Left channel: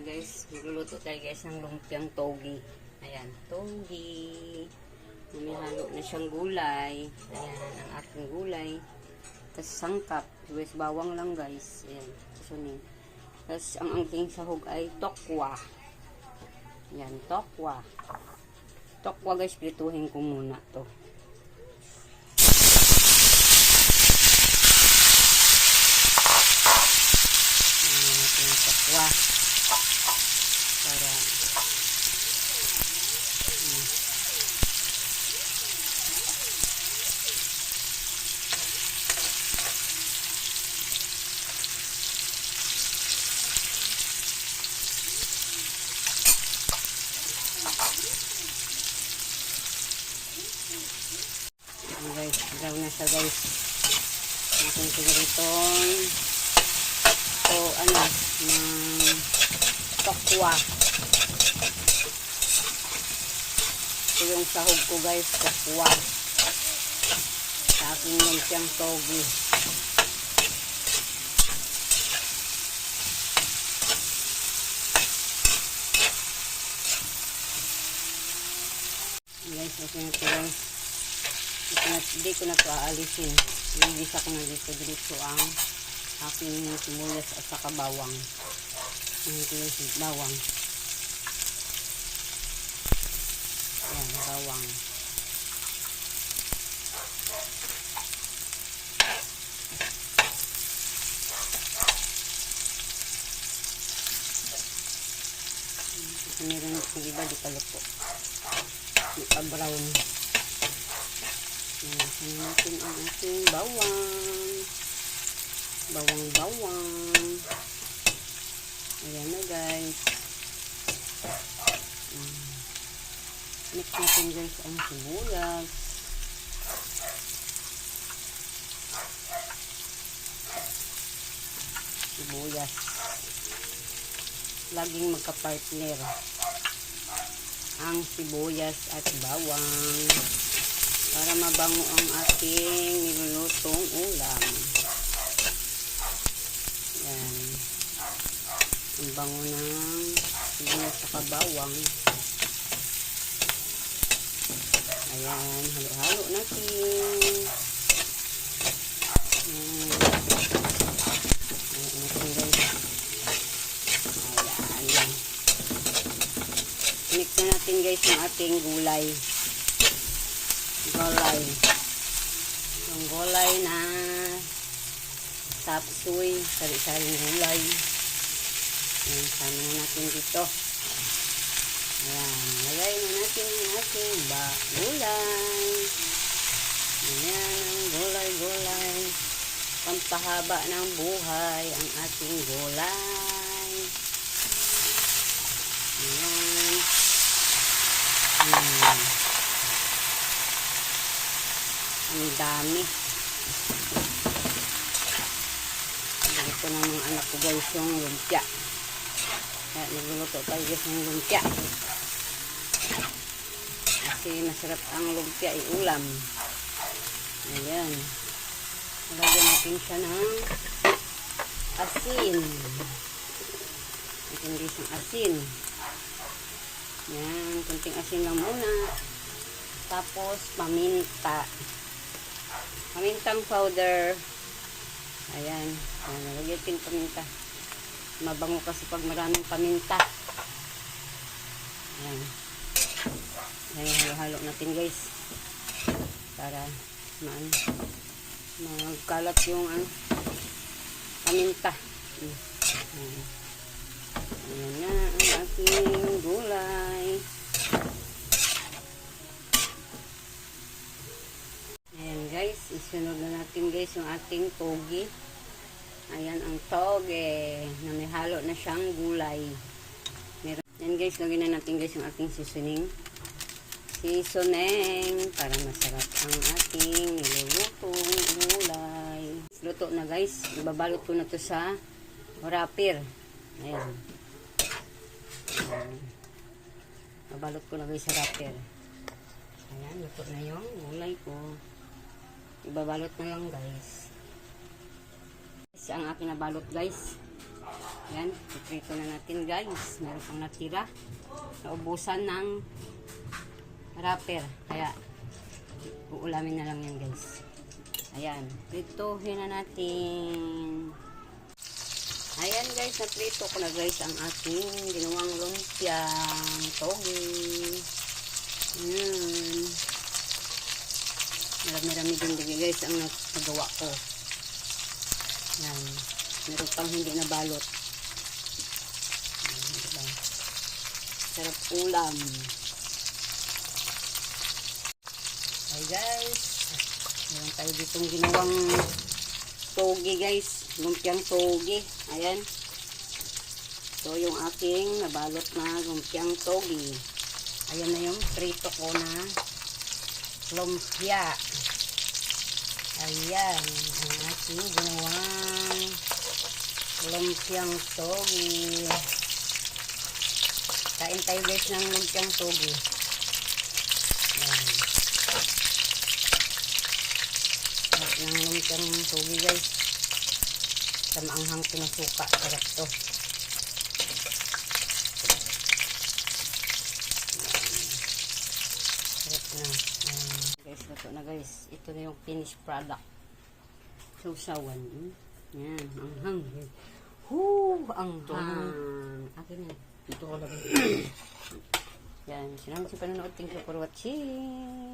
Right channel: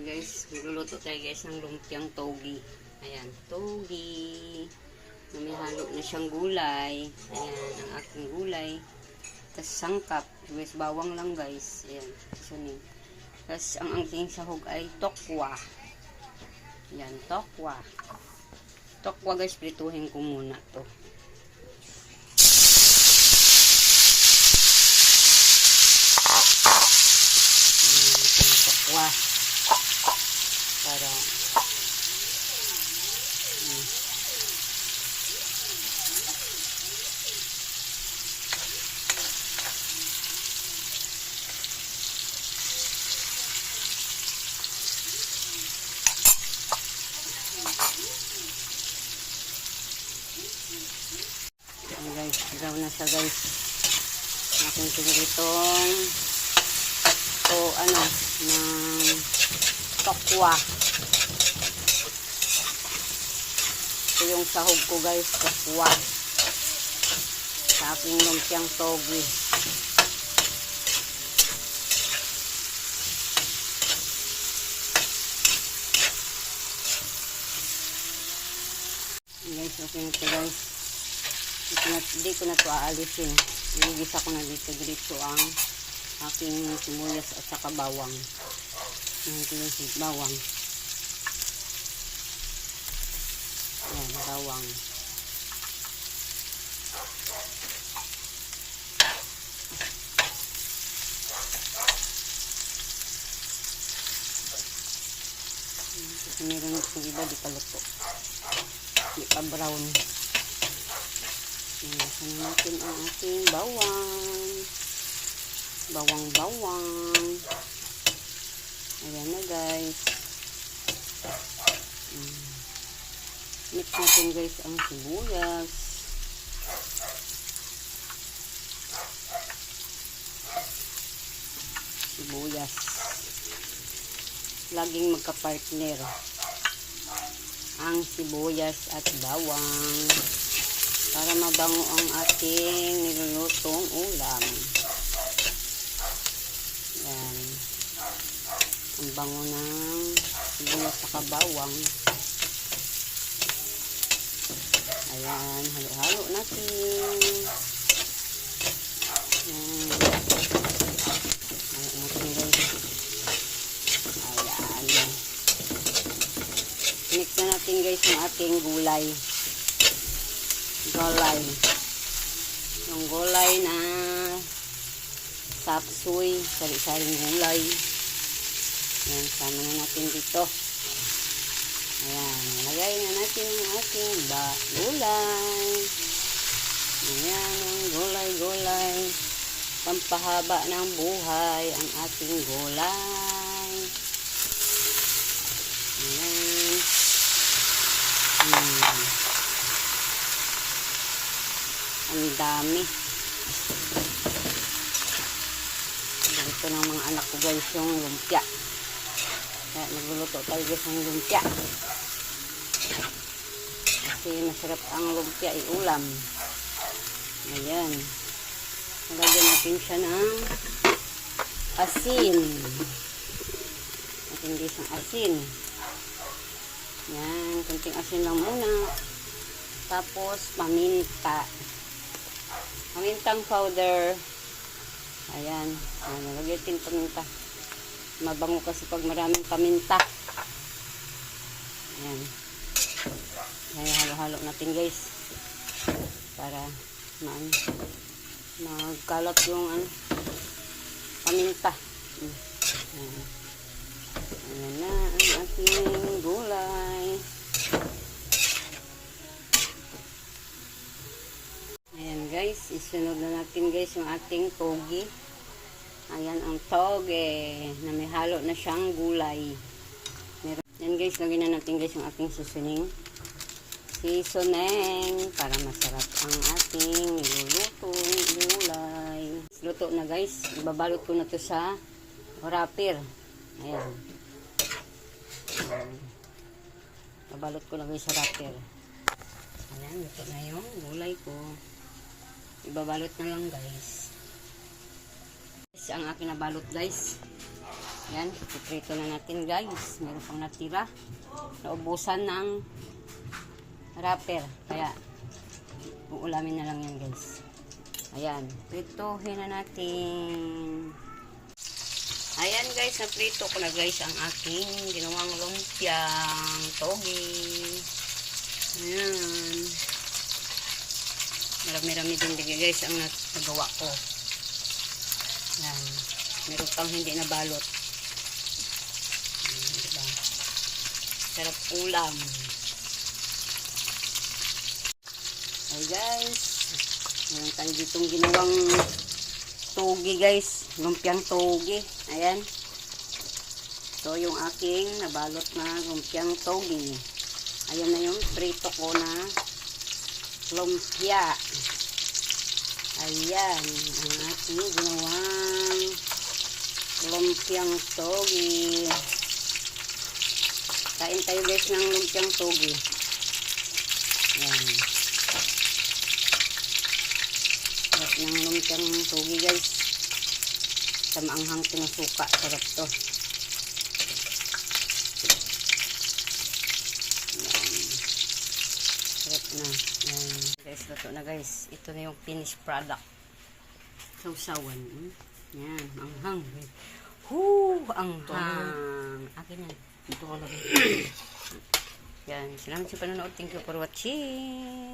Ayan guys, magluluto tayo guys ng lumpiang togi. Ayan, togi. May halo na siyang gulay. Ayan, ang aking gulay. Tapos sangkap. Guys, bawang lang guys. Ayan, susunin. Tapos ang aking sahog ay tokwa. Ayan, tokwa. Tokwa guys, prituhin ko muna to. Ayan, ating tokwa. Para guys, brown na siya guys. Aking piniritong ng tokwa. Ito yung sahog ko guys, tokwa. Sa aking lumpiang togi. Guys, okay na ito guys. Hindi ko na ito aalisin. Iligisa ko na dito ang aking sibuyas at saka bawang. Ito yung bawang. Ayan, bawang. Kasi meron yung iba di paluto. Di pa brown. Ayan, natin ang ating bawang. Bawang. Ayan na guys. Mix natin guys ang sibuyas. Laging magka-partner ang sibuyas at bawang para mabango ang ating nilulutong ulam. Yan. Ang bango ng sibuyas at bawang. Ayan, halo-halo natin. Ayan. Halo natin guys. Ayan. Mix na natin guys yung ating gulay. Yung gulay na sapsoy, sari-saring gulay. Ayan, sama na natin dito. Ayan, lagay na natin yung ating gulay. Ayan, gulay. Pampahaba ng buhay ang ating gulay. Ayan. Ang dami. Ito ng mga anak ko guys yung lumpia. Kaya nagluluto tayo guys ng lumpia. Kasi masarap ang lumpia iulam. Ayan. Lagyan natin siya ng asin. Natin guys ng asin. Ayan. Kunting asin lang muna. Tapos paminta. Pamintang powder. Ayan. Nalagyan natin paminta. Mabango kasi pag maraming paminta. Ayan. Ayan, halo-halo natin guys. Para magkalat yung paminta. Ayan na ang aking gulay. Ayan guys, isunod na natin guys yung ating togi. Ayan ang toge na may halo na siyang gulay. Ayan guys, lagyan na natin guys yung ating seasoning para masarap ang ating nilulutong gulay. Luto na guys, ibabalot ko na to sa wrapper. Ayan. Babalot ko na guys sa wrapper. Ayan, luto na yung gulay ko. Ibabalot na lang guys. Ang aking nabalot guys. Yan, iprito na natin guys. Meron pang natira. Naubusan ng wrapper. Kaya, uulamin na lang yan guys. Ayan, prituhin na natin. Ayan guys, naprito ko na guys ang aking ginawang lumpiang togi. Ayan. Marami-rami din guys ang nagawa ko. Ayan. Meron pang hindi nabalot. Ayan, diba? Sarap ulam. Ay guys. Meron tayo ditong ginawang togi guys. Lumpiang togi. Ayan. So yung aking nabalot na lumpiang togi. Ayan na yung prito ko na lumpia. Ayan. Ang aking ginawang lumpiang togi. Kain tayo guys ng lumpiang togi. Ayan. Sarap ng lumpiang togi guys. Sa maanghang tinasuka. Sarap to. Sarap na. Guys, luto na guys. Ito na yung finished product. Sausawan. Yan, anghang. Anghang. Akin yan. Ito ko lang. Yan, salamat sa panonood. Thank you for watching.